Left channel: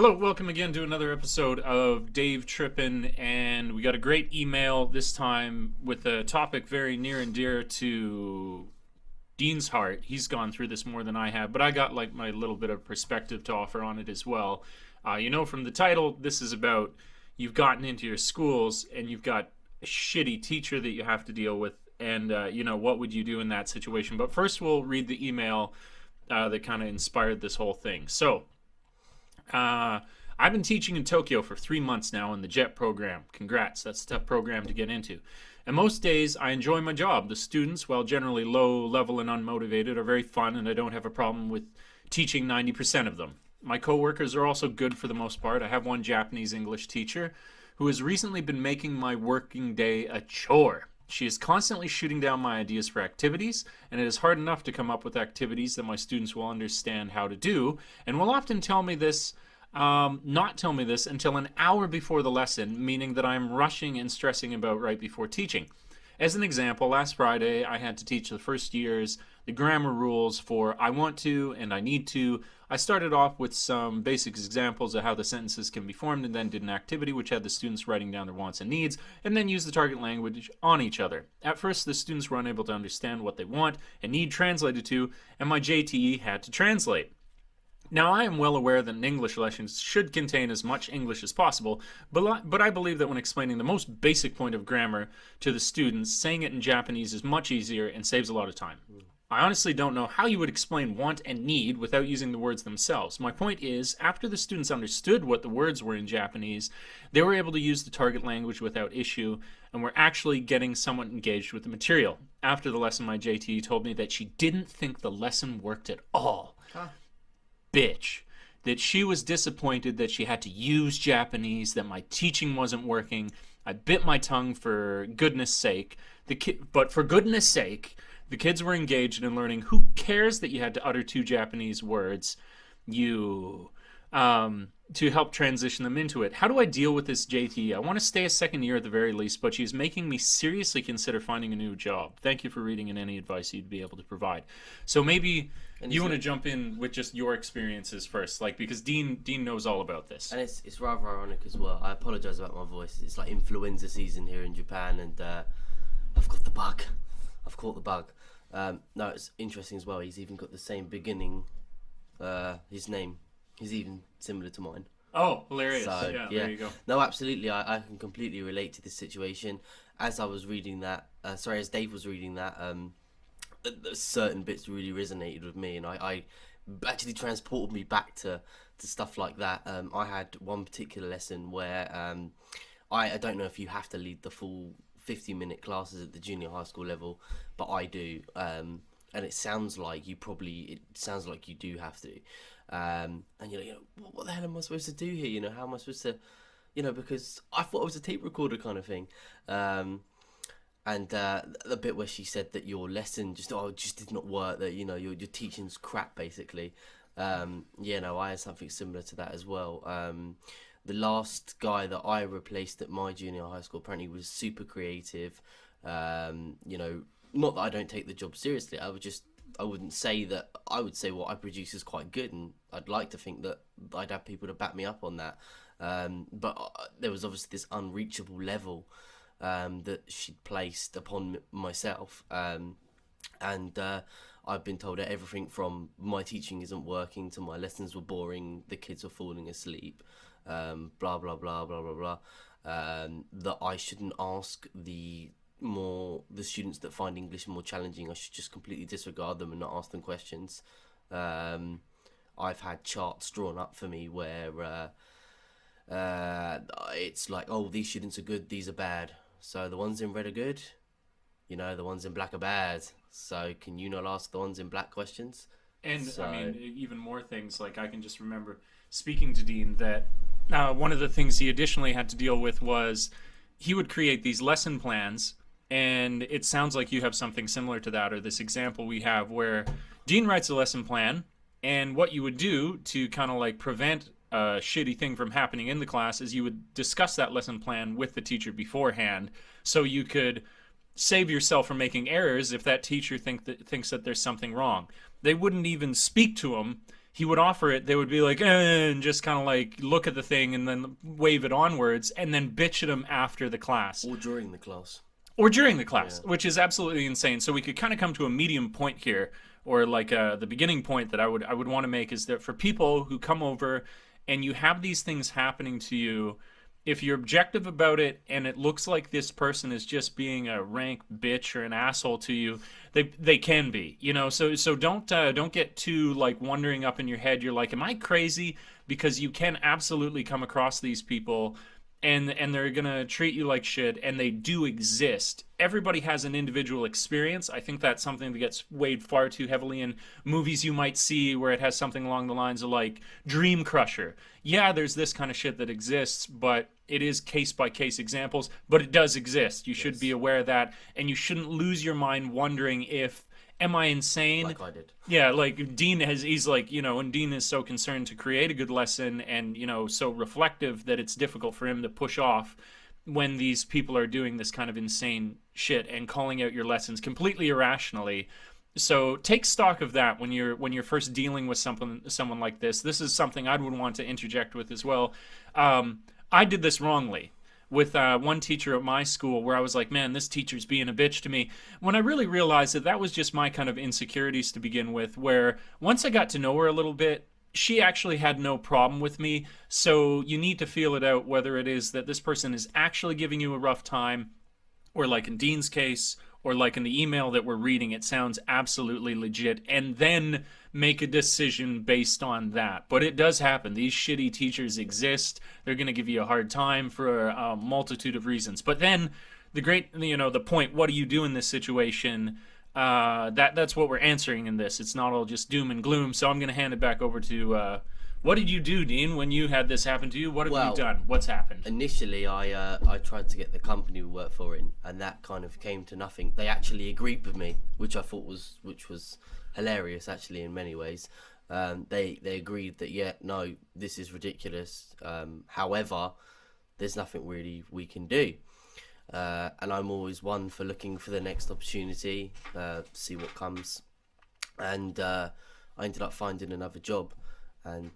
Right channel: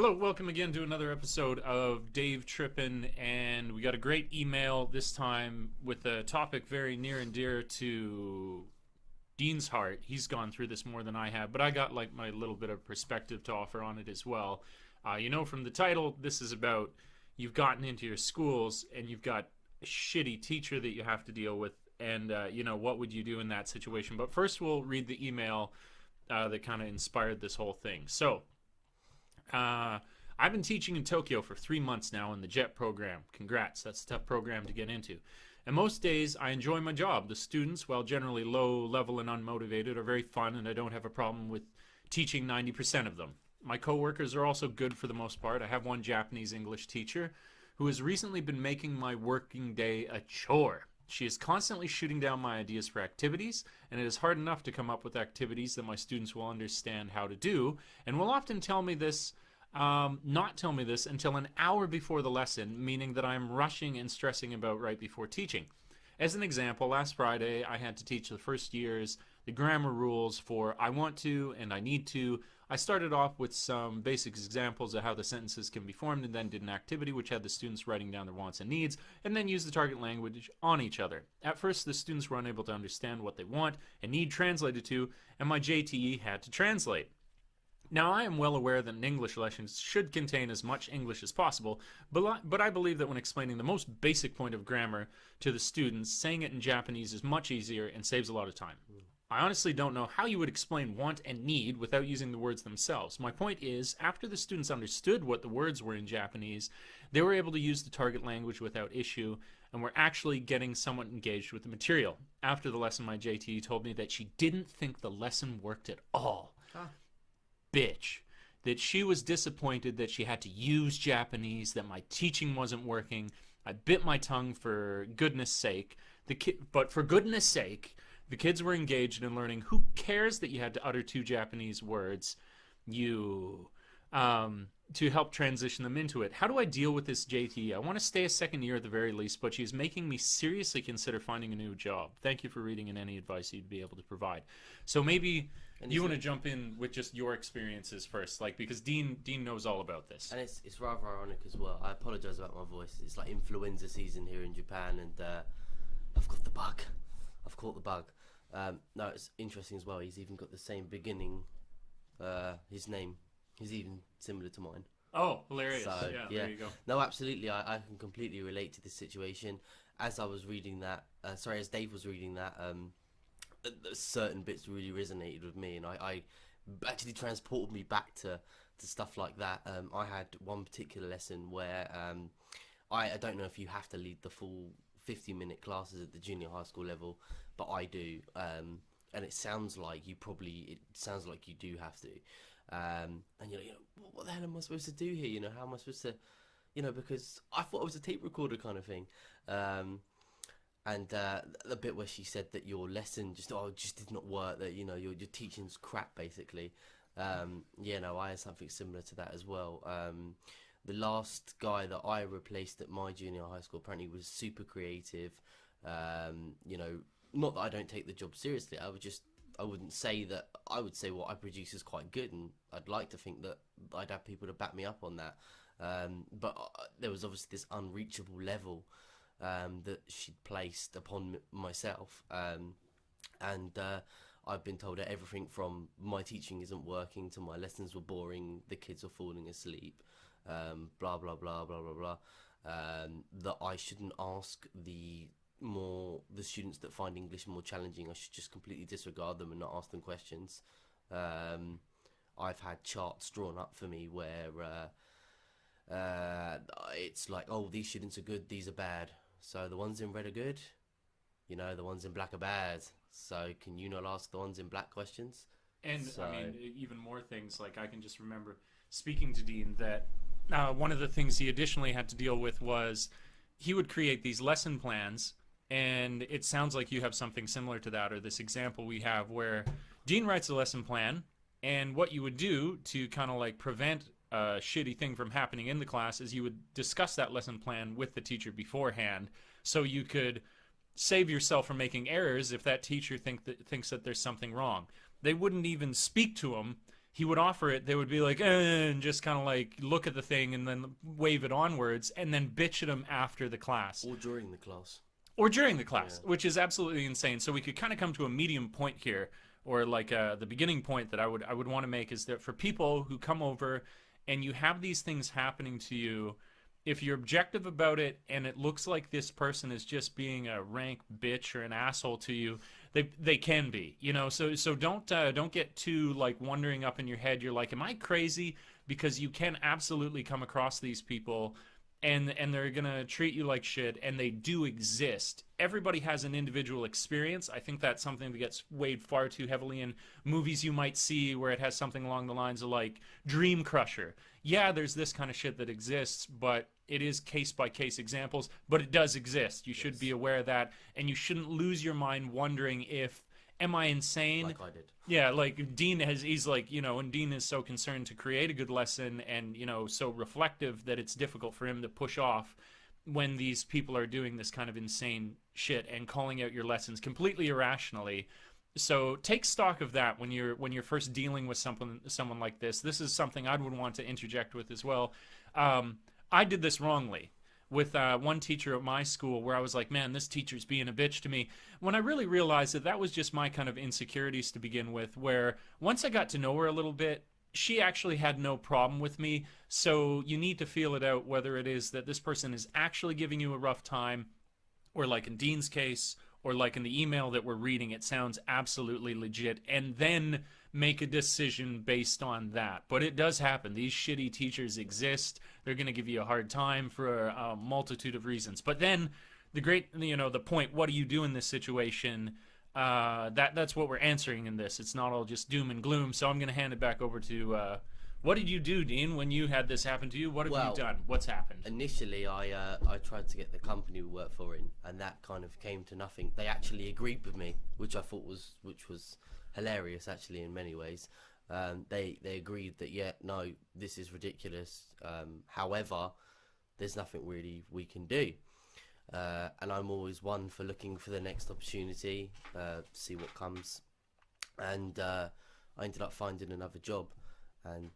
Hello, welcome again to another episode of Dave Trippin, and we got a great email this time with a topic very near and dear to Dean's heart. He's gone through this more than I have, but I got like my little bit of perspective to offer on it as well. From the title, this is about you've gotten into your schools and you've got a shitty teacher that you have to deal with, and what would you do in that situation? But first, we'll read the email that kind of inspired this whole thing. So. I've been teaching in Tokyo for 3 months now in the JET program. Congrats, that's a tough program to get into. And most days I enjoy my job. The students, while generally low level and unmotivated, are very fun, and I don't have a problem with teaching 90% of them. My coworkers are also good for the most part. I have one Japanese English teacher who has recently been making my working day a chore. She is constantly shooting down my ideas for activities, and it is hard enough to come up with activities that my students will understand how to do, and will often not tell me this until an hour before the lesson, meaning that I am rushing and stressing about right before teaching. As an example, last Friday I had to teach the first years the grammar rules for I want to and I need to. I started off with some basic examples of how the sentences can be formed, and then did an activity which had the students writing down their wants and needs, and then use the target language on each other. At first, the students were unable to understand what they want and need translated to, and my JTE had to translate. Now, I am well aware that an English lesson should contain as much English as possible, but I believe that when explaining the most basic point of grammar to the students, saying it in Japanese is much easier and saves a lot of time. I honestly don't know how you would explain want and need without using the words themselves. My point is, after the students understood what the words were in Japanese, they were able to use the target language without issue, and were actually getting somewhat engaged with the material. After the lesson, my JTE told me that she didn't think the lesson worked at all. Bitch. That she was disappointed that she had to use Japanese, that my teaching wasn't working. I bit my tongue for goodness sake. But for goodness sake, the kids were engaged in learning. Who cares that you had to utter 2 Japanese words? To help transition them into it. How do I deal with this JT? I want to stay a second year at the very least, but she's making me seriously consider finding a new job. Thank you for reading and any advice you'd be able to provide. So maybe you want to jump in with just your experiences first, because Dean knows all about this. And it's rather ironic as well. I apologise about my voice. It's like influenza season here in Japan, and I've got the bug. I've caught the bug. No, it's interesting as well. He's even got the same beginning. His name is even similar to mine. Oh, hilarious. So, yeah, there you go. No, absolutely. I can completely relate to this situation. As I was reading that, as Dave was reading that, certain bits really resonated with me, and I actually transported me back to stuff like that. I had one particular lesson where I don't know if you have to lead the full 50-minute classes at the junior high school level, but I do, and it sounds like you do have to. And what the hell am I supposed to do here? How am I supposed to, because I thought it was a tape recorder kind of thing. And the bit where she said that your lesson just did not work, that your teaching's crap basically. I had something similar to that as well. The last guy that I replaced at my junior high school apparently was super creative. Not that I don't take the job seriously. I wouldn't say that. I would say what I produce is quite good, and I'd like to think that I'd have people to back me up on that. But there was obviously this unreachable level that she'd placed upon myself, and I've been told that everything from my teaching isn't working to my lessons were boring, the kids are falling asleep, blah blah blah blah blah blah. That I shouldn't ask the students that find English more challenging. I should just completely disregard them and not ask them questions. I've had charts drawn up for me where it's like, oh, these students are good, these are bad, so the ones in red are good, the ones in black are bad, so can you not ask the ones in black questions? And even more things, like I can just remember speaking to Dean that one of the things he additionally had to deal with was he would create these lesson plans. And it sounds like you have something similar to that, or this example we have where Dean writes a lesson plan, and what you would do to kind of prevent a shitty thing from happening in the class is you would discuss that lesson plan with the teacher beforehand, so you could save yourself from making errors if that teacher thinks that there's something wrong. They wouldn't even speak to him he would offer it, they would be like, and just kind of like look at the thing and then wave it onwards and then bitch at him after the class. Or during the class. Or during the class, which is absolutely insane. So we could kind of come to a medium point here, or like the beginning point that I would want to make is that for people who come over and you have these things happening to you, if you're objective about it and it looks like this person is just being a rank bitch or an asshole to you, they can be, you know. So don't get too like wondering up in your head. You're like, am I crazy? Because you can absolutely come across these people and they're gonna treat you like shit, and they do exist. Everybody has an individual experience. I think that's something that gets weighed far too heavily in movies you might see where it has something along the lines of like Dream Crusher. Yeah, there's this kind of shit that exists, but it is case by case examples, but it does exist. You should be aware of that, and you shouldn't lose your mind wondering if, am I insane? Like I did. Yeah, like Dean he's like, you know, and Dean is so concerned to create a good lesson and, you know, so reflective that it's difficult for him to push off when these people are doing this kind of insane shit and calling out your lessons completely irrationally. So take stock of that when you're first dealing with someone like this. This is something I would want to interject with as well. I did this wrongly with one teacher at my school where I was like, man, this teacher's being a bitch to me. When I really realized that was just my kind of insecurities to begin with, where once I got to know her a little bit, she actually had no problem with me. So you need to feel it out whether it is that this person is actually giving you a rough time, or like in Dean's case, or like in the email that we're reading, it sounds absolutely legit, and then make a decision based on that. But it does happen. These shitty teachers exist. They're going to give you a hard time for a multitude of reasons. But then the point, what do you do in this situation? That's what we're answering in this. It's not all just doom and gloom. So I'm going to hand it back over to, what did you do, Dean, when you had this happen to you? What have you done? What's happened? Initially, I tried to get the company we work for in, and that kind of came to nothing. They actually agreed with me, which I thought was hilarious, actually, in many ways. They agreed that, yeah, no, this is ridiculous. However, there's nothing really we can do. And I'm always one for looking for the next opportunity, see what comes. And I ended up finding another job. And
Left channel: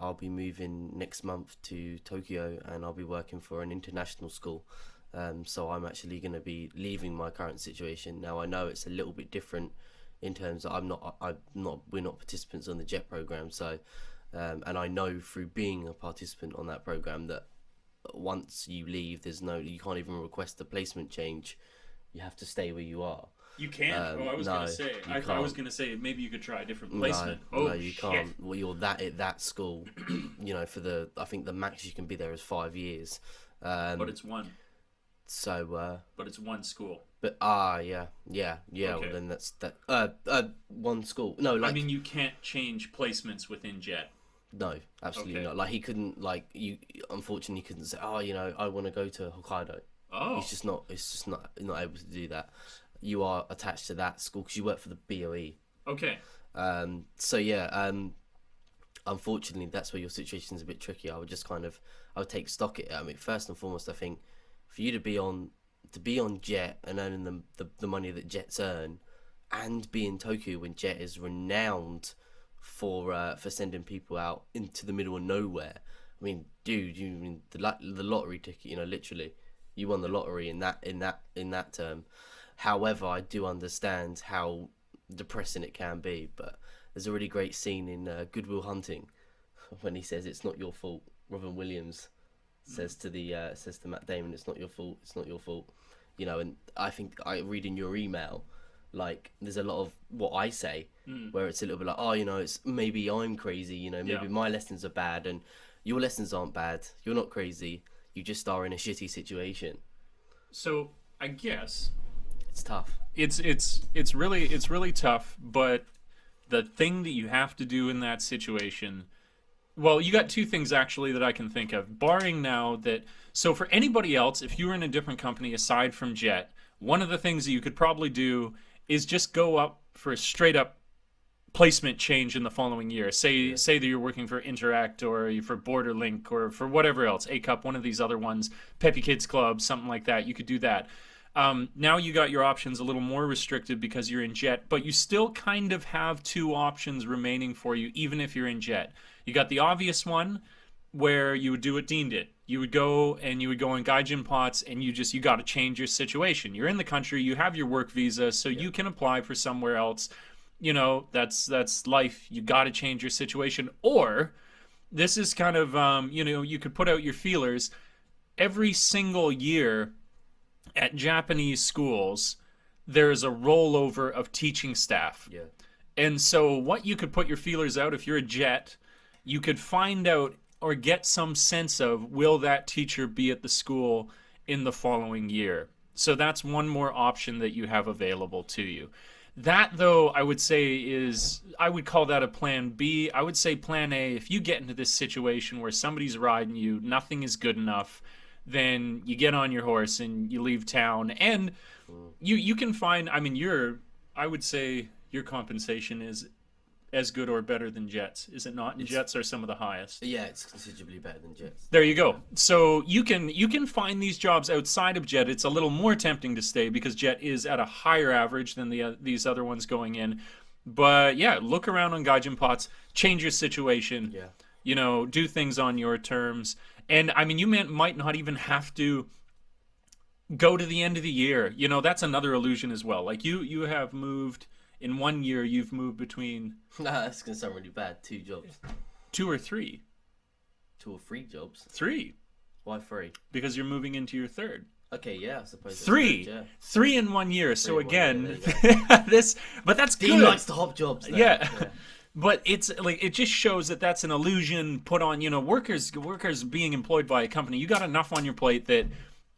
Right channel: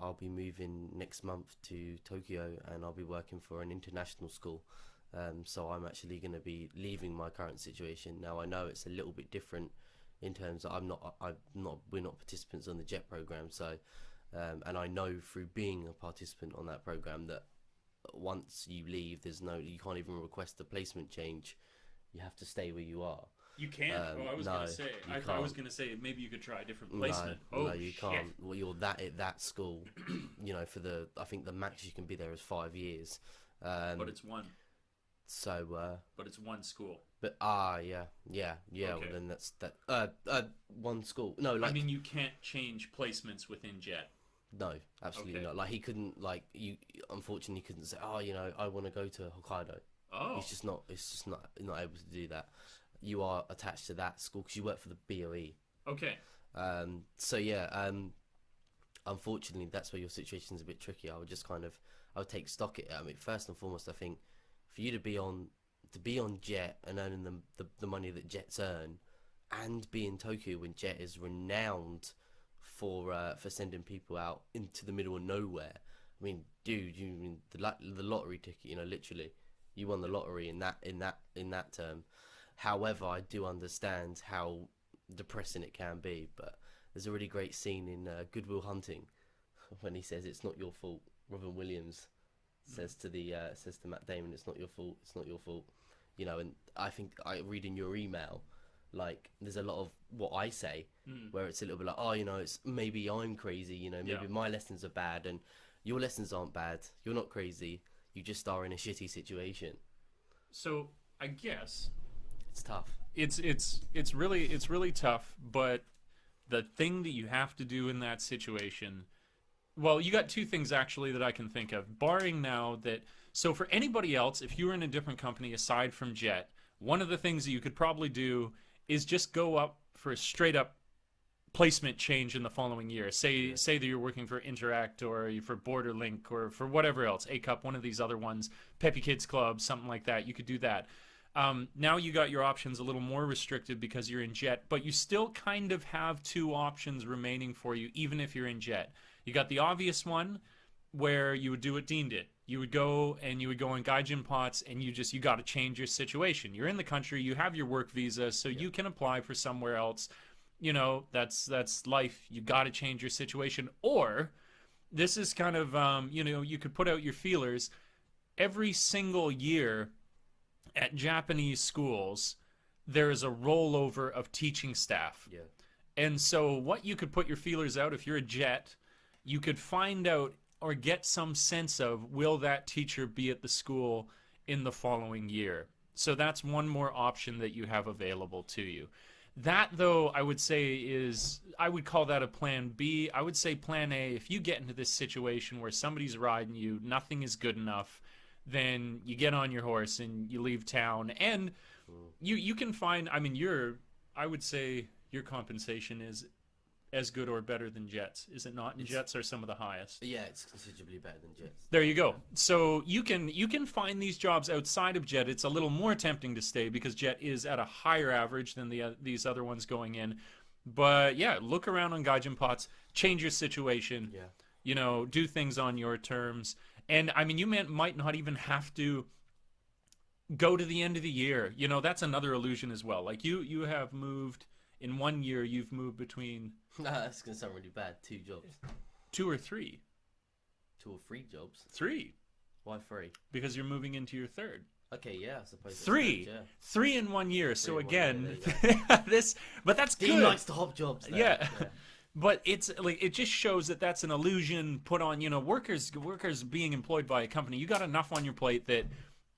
I'll be moving next month to Tokyo, and I'll be working for an international school. So I'm actually going to be leaving my current situation. Now I know it's a little bit different in terms of we're not participants on the JET program. So, and I know through being a participant on that program that once you leave, you can't even request a placement change. You have to stay where you are. You can't. I was going to say maybe you could try a different placement. No, you can't. Well, you're at that school. You know, I think the max you can be there is 5 years. But it's one. So. But it's one school. But yeah. Okay. Well, then that's that. One school. No, like. I mean, you can't change placements within JET. No, absolutely not. Like he couldn't. Like you, unfortunately, he couldn't say, "Oh, you know, I want to go to Hokkaido." Oh. It's just not able to do that. You are attached to that school because you work for the BOE. Okay. So yeah. Unfortunately, that's where your situation is a bit tricky. I would take stock at it. I mean, first and foremost, I think for you to be on JET and earning the money that JETs earn, and be in Tokyo when JET is renowned for sending people out into the middle of nowhere. I mean, dude, the lottery ticket. You know, literally, you won the lottery in that term. However, I do understand how depressing it can be. But there's a really great scene in Good Will Hunting when he says, "It's not your fault." Robin Williams says to Matt Damon, "It's not your fault. It's not your fault." You know, and I think I read in your email, like there's a lot of what I say where it's a little bit like, oh, you know, it's maybe I'm crazy. You know, maybe my lessons are bad, and your lessons aren't bad. You're not crazy. You just are in a shitty situation. So I guess. It's tough. It's really tough, but the thing that you have to do in that situation, well, you got two things actually that I can think of, barring now that, so for anybody else, if you were in a different company aside from JET, one of the things that you could probably do is just go up for a straight up placement change in the following year. Say that you're working for Interact or for Borderlink or for whatever else, A-Cup, one of these other ones, Peppy Kids Club, something like that. You could do that. Now you got your options a little more restricted because you're in jet, but you still kind of have two options remaining for you, even if you're in jet. You got the obvious one where you would do what Dean did. You would go on Gaijin Pots, and you got to change your situation. You're in the country, you have your work visa, so you can apply for somewhere else. You know, that's life. You got to change your situation. Or this is kind of, you could put out your feelers. Every single year at Japanese schools, there's a rollover of teaching staff. Yeah. And so what you could put your feelers out, if you're a jet, you could find out or get some sense of, will that teacher be at the school in the following year? So that's one more option that you have available to you. That, though, I would say I would call that a plan B. I would say plan A, if you get into this situation where somebody's riding you, nothing is good enough, then you get on your horse and you leave town. And you can find, I mean, I would say your compensation is as good or better than Jets, is it not? And Jets are some of the highest. Yeah, it's considerably better than Jets. There you go. So you can find these jobs outside of Jet. It's a little more tempting to stay because Jet is at a higher average than these other ones going in. But yeah, look around on Gaijin Pots, change your situation. Yeah. You know, do things on your terms. And I mean, you might not even have to go to the end of the year. You know, that's another illusion as well. Like you have moved. In 1 year, you've moved between... Nah, that's going to sound really bad. 2 jobs. 2 or 3? 2 or 3 jobs. 3. Why 3? Because you're moving into your 3rd. Okay, yeah, I suppose. 3. Good, yeah. 3 in 1 year. So again, but that's Dean good. likes to hop jobs. Though. Yeah. But it's like, it just shows that that's an illusion put on, workers being employed by a company. You got enough on your plate that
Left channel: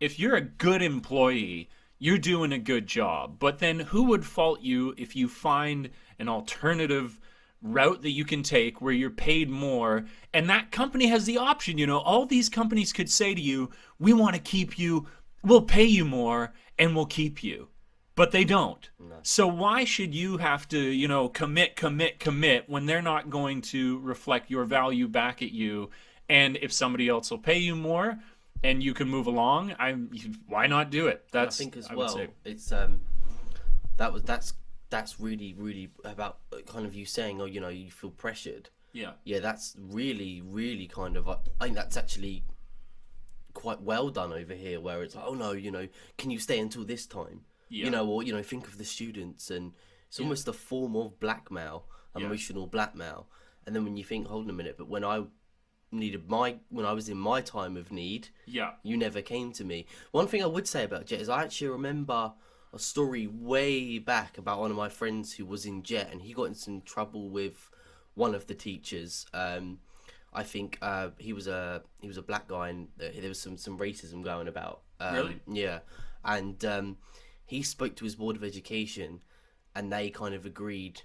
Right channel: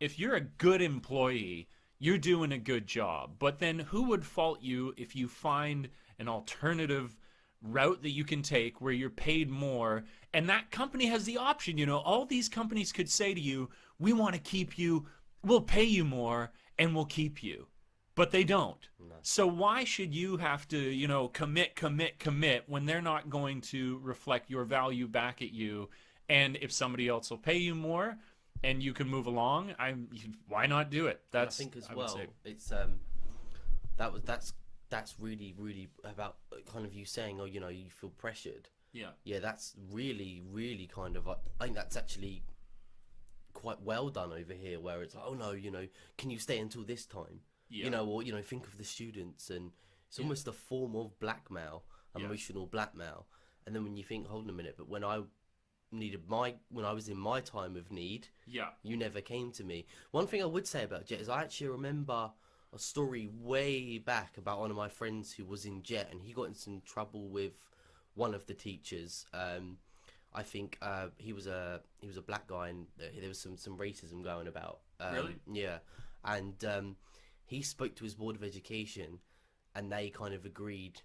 if you're a good employee, you're doing a good job. But then who would fault you if you find an alternative route that you can take where you're paid more, and that company has the option? All these companies could say to you, we want to keep you, we'll pay you more, and we'll keep you. But they don't. No. So why should you have to, commit when they're not going to reflect your value back at you? And if somebody else will pay you more, and you can move along, why not do it? I think as well, it's that's really, really about kind of you saying, you feel pressured. Yeah. Yeah, that's really, really kind of, I think that's actually quite well done over here, where it's like, oh no, can you stay until this time? Yeah. Or think of the students, and it's almost a form of blackmail, emotional blackmail. And then when you think, hold on a minute, but when I was in my time of need, you never came to me. One thing I would say about Jet is I actually remember a story way back about one of my friends who was in Jet, and he got in some trouble with one of the teachers. I think he was a black guy, and there was some racism going about. Really? Yeah, and he spoke to his board of education, and they kind of agreed,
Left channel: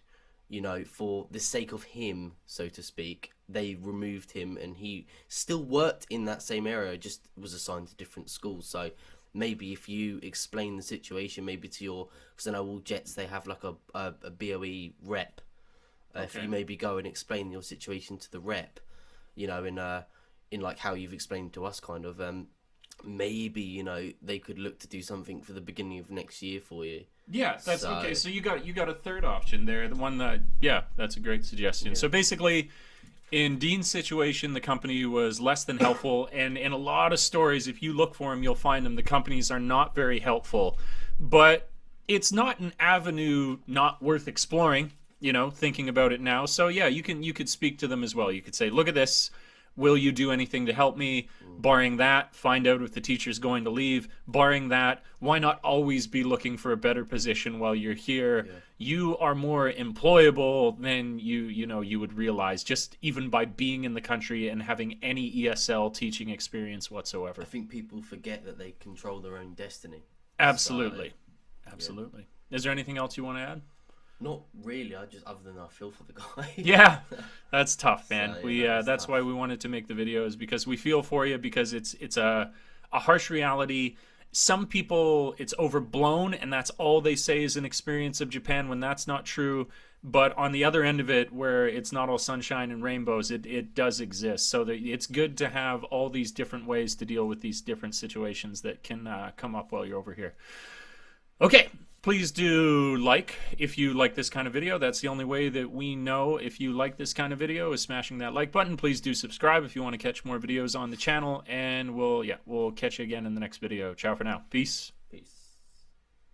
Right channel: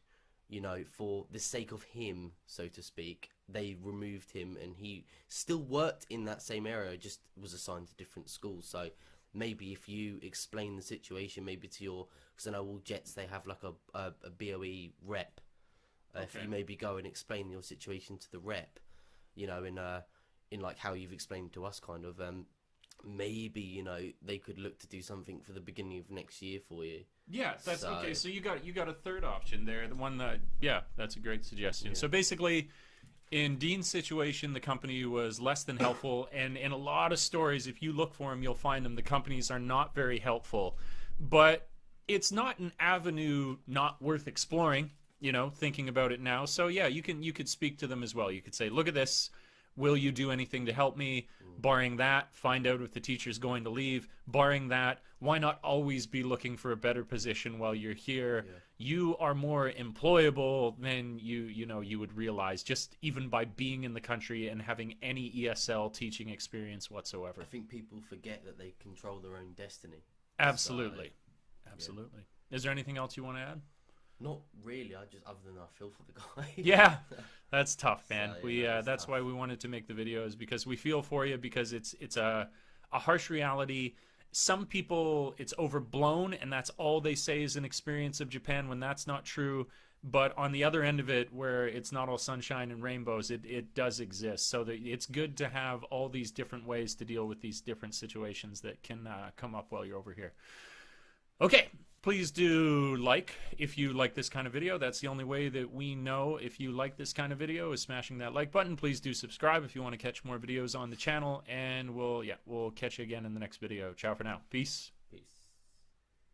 for the sake of him, so to speak, they removed him, and he still worked in that same area, just was assigned to different schools. So maybe if you explain the situation, maybe to because I know all Jets, they have like a BOE rep. Okay. If you maybe go and explain your situation to the rep, in like how you've explained to us, kind of, maybe they could look to do something for the beginning of next year for you. Yeah, that's okay. So you got a third option there. The one that, that's a great suggestion. Yeah. So basically, in Dean's situation, the company was less than helpful, and in a lot of stories, if you look for them, you'll find them. The companies are not very helpful, but it's not an avenue not worth exploring. Thinking about it now. So yeah, you could speak to them as well. You could say, look at this. Will you do anything to help me? Barring that, find out if the teacher's going to leave. Barring that, why not always be looking for a better position while you're here? Yeah. You are more employable than you would realize, just even by being in the country and having any ESL teaching experience whatsoever. I think people forget that they control their own destiny. Absolutely. Absolutely. Yeah. Is there anything else you want to add? Not really. Other than I feel for the guy. Yeah, that's tough, man. So, that's why we wanted to make the videos, because we feel for you, because it's a harsh reality. some people, it's overblown and that's all they say is an experience of Japan, when that's not true. But on the other end of it, where it's not all sunshine and rainbows, it does exist. So it's good to have all these different ways to deal with these different situations that can come up while you're over here. Okay, please do like if you like this kind of video. That's the only way that we know if you like this kind of video, is smashing that like button. Please do subscribe if you want to catch more videos on the channel, and we'll catch you again in the next video. Ciao for now. Peace.